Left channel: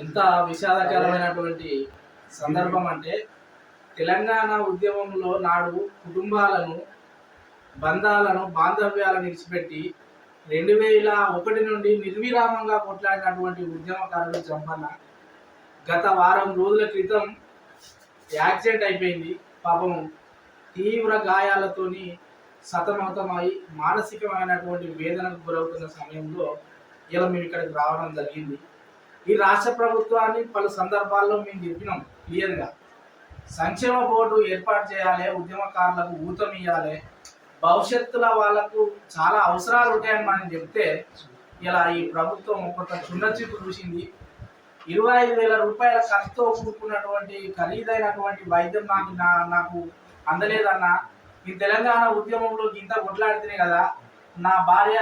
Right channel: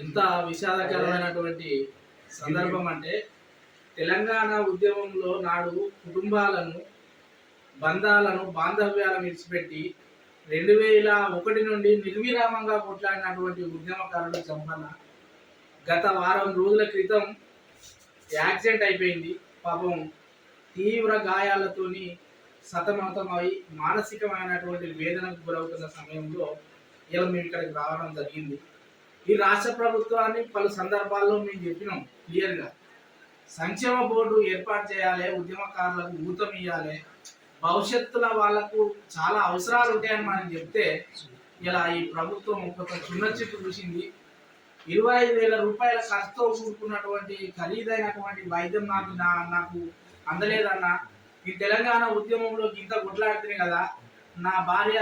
ఎంత విషాదకరమైనటువంటి సందర్భం అంటే తెలంగాణ ఉద్యమంలో నాడు కుటుంబాలను బంధాలను బాంధవ్యాలను విడిచిపెట్టి 2001 నుండి నిర్విరామంగా కొట్లాడినటువంటి ఉద్యమకారుడు చంపన్న గత వారం రోజుల క్రితం యాక్సిడెంట్ అయిపోయింది. పాపం తీవ్ర గాయాలతోని సతమతమై మానసికమైనటువంటి వేదనకు గురవుతున్న సమయంలో ఇలా మేము ఇక్కడికి రావడం జరిగింది. ఈ రాష్ట్ర ప్రభుత్వాన్ని పలు సందర్భాల్లో మేము చెప్పినాం క్లియర్గా, సంక్షేమ బోర్డు ఏర్పాటు చేయాలి, ఉద్యమకారులకు ఊతం ఇవ్వాలి, భవిష్యత్తులో వాళ్ళకు చాలా అవసరాలు ఉంటాయని మనం చెప్తే ఇలా ఈ ప్రభుత్వం కొంత చున్న చిట్టు చూసింది. 25,000 రూపాయల ఖర్చుతో కూడుకున్నటువంటి ఖరీదైనటువంటి వైద్యం నాకు అందలేదన్న. ఈ తెలంగాణ ఉద్యమంలో ఇంత కొట్లాడితేనే కదా నా భార్య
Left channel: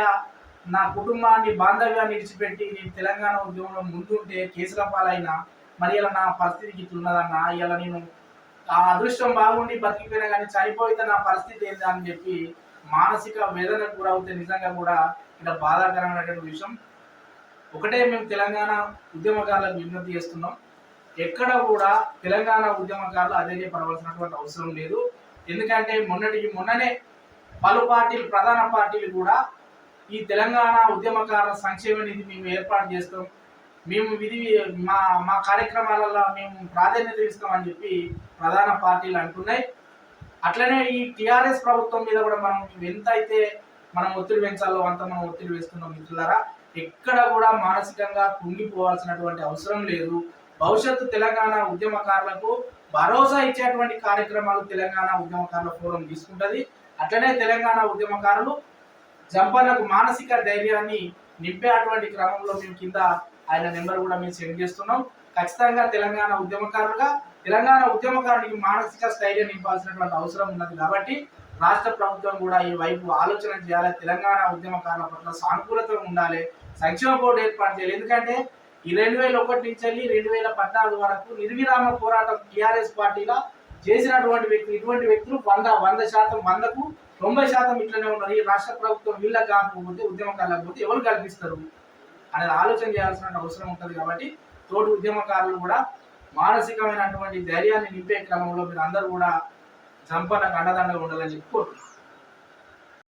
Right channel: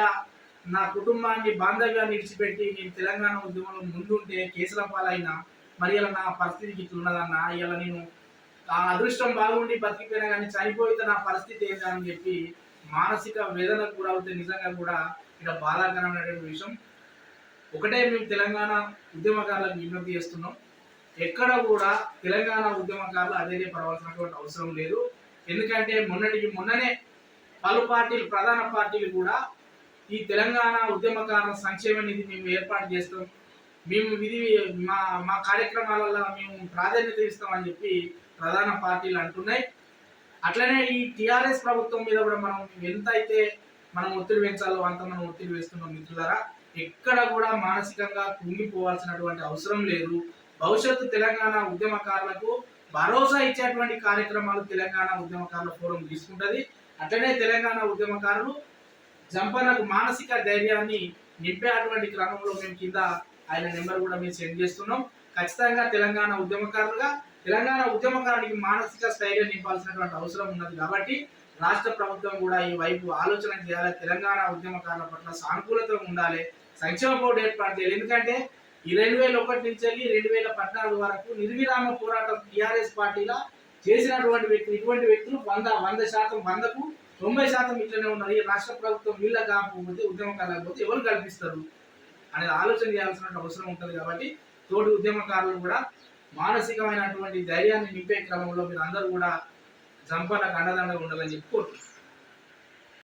నా కుటుంబాన్ని బాంధవ్యాన్ని విడిచిపెట్టి నేను తెలంగాణ ఉద్యమంలో ముందుంటే కేసుల పాలైనా మరి ఇలా నా పరిస్థితికి ఇట్లున్నదన్న. ఇలా నేను ఆ అదృష్టం బాగుండి బతికిపోయినా కానీ చనిపోతే నా పరిస్థితి ఏంటి అని చెప్పి మానసిక వేదనకు గురవుతే నిజంగా కూడా ఇక్కడ బాధాకరమైనటువంటి విషయం. ఒకటే మేము తెలంగాణ ఉద్యమకారులకు విజ్ఞప్తి చేస్తున్నాం, ఎక్కడ కూడా తెలంగాణ ఉద్యమకారులు అధైర్యపడవలసినటువంటి అవసరం లేదు. ఎందుకంటే మొన్ననే పలు పార్టీలు, ప్రధాన పార్టీలు కూడా ఈ తెలంగాణ ఉద్యమకారుల సంక్షేమ నిధి మేము ఏర్పాటు చేస్తాం, మేము మా కార్యక్రమాలలో మేము ప్రాధాన్యత ఇస్తామని చెప్పి ప్రధాన పార్టీలు అంటున్నాయి. అట్లనే ఈ టీఆర్ఎస్ ప్రభుత్వం మీద కూడా ఎంత అయితే మనం ఒత్తిడి పెంచాలో అంత మనం ఒత్తిడి వేస్తున్నాం. మిత్రులారా, ఎక్కడ కూడా మానసికంగా కుంగిపోవాల్సినటువంటి అవసరం లేదు. భవిష్యత్తు తెలంగాణ ఉద్యమకారులకు భరోసా ఇచ్చేటువంటి కార్యక్రమాలు తెలంగాణ ఉద్యమకారుల ఫోరం తీసుకుంటుంది. అట్లనే తెలంగాణ ఉద్యమకారులు జంపన్నకు మానసిక ధైర్యాన్ని నింపేటువంటి క్రమంలో మేము కింద ఆయన నెంబర్ కూడా మేము సెండ్ చేస్తున్నాం. ఖచ్చితంగా తెలంగాణ ఉద్యమకారునికి మానసిక స్థైర్యం నింపాల్సినటువంటి అవసరం ఉన్నది. కాబట్టి రాష్ట్ర ప్రభుత్వం కూడా ఈ వైపు ఆలోచన చేయాలి, తెలంగాణ ఉద్యమకారుల పట్ల సానుకూలత ఉండాలి, సంక్షేమ బోర్డు ఏర్పాటు చేయాలి. ఎందుకంటే ఈ 2001 నుంచి 2014 వరకు నిర్విరామ పోరాటం టీఆర్ఎస్ పార్టీలో చేసినటువంటి వ్యక్తులు, ఇటువంటి వ్యక్తులు 100% 100కు 90% ఇట్లనే ఉన్నారు. ఈ రాష్ట్ర ప్రభుత్వం వీళ్ళకి కాకపోతే ఉద్యమకారులకు పోతే ఎవరు కల్పిస్తారు అనేది ఆలోచన చేయాల్సిన అవసరం ఉంటుంది. కాబట్టి తోటి ఉద్యమకారులు కూడా మానసికమైనటువంటి ధైర్యాన్ని నింపే క్రమంలో మీరు అందరూ కూడా జంపన్నకు అండదండగా ఉండాలని చెప్పి కోరుతున్నాను.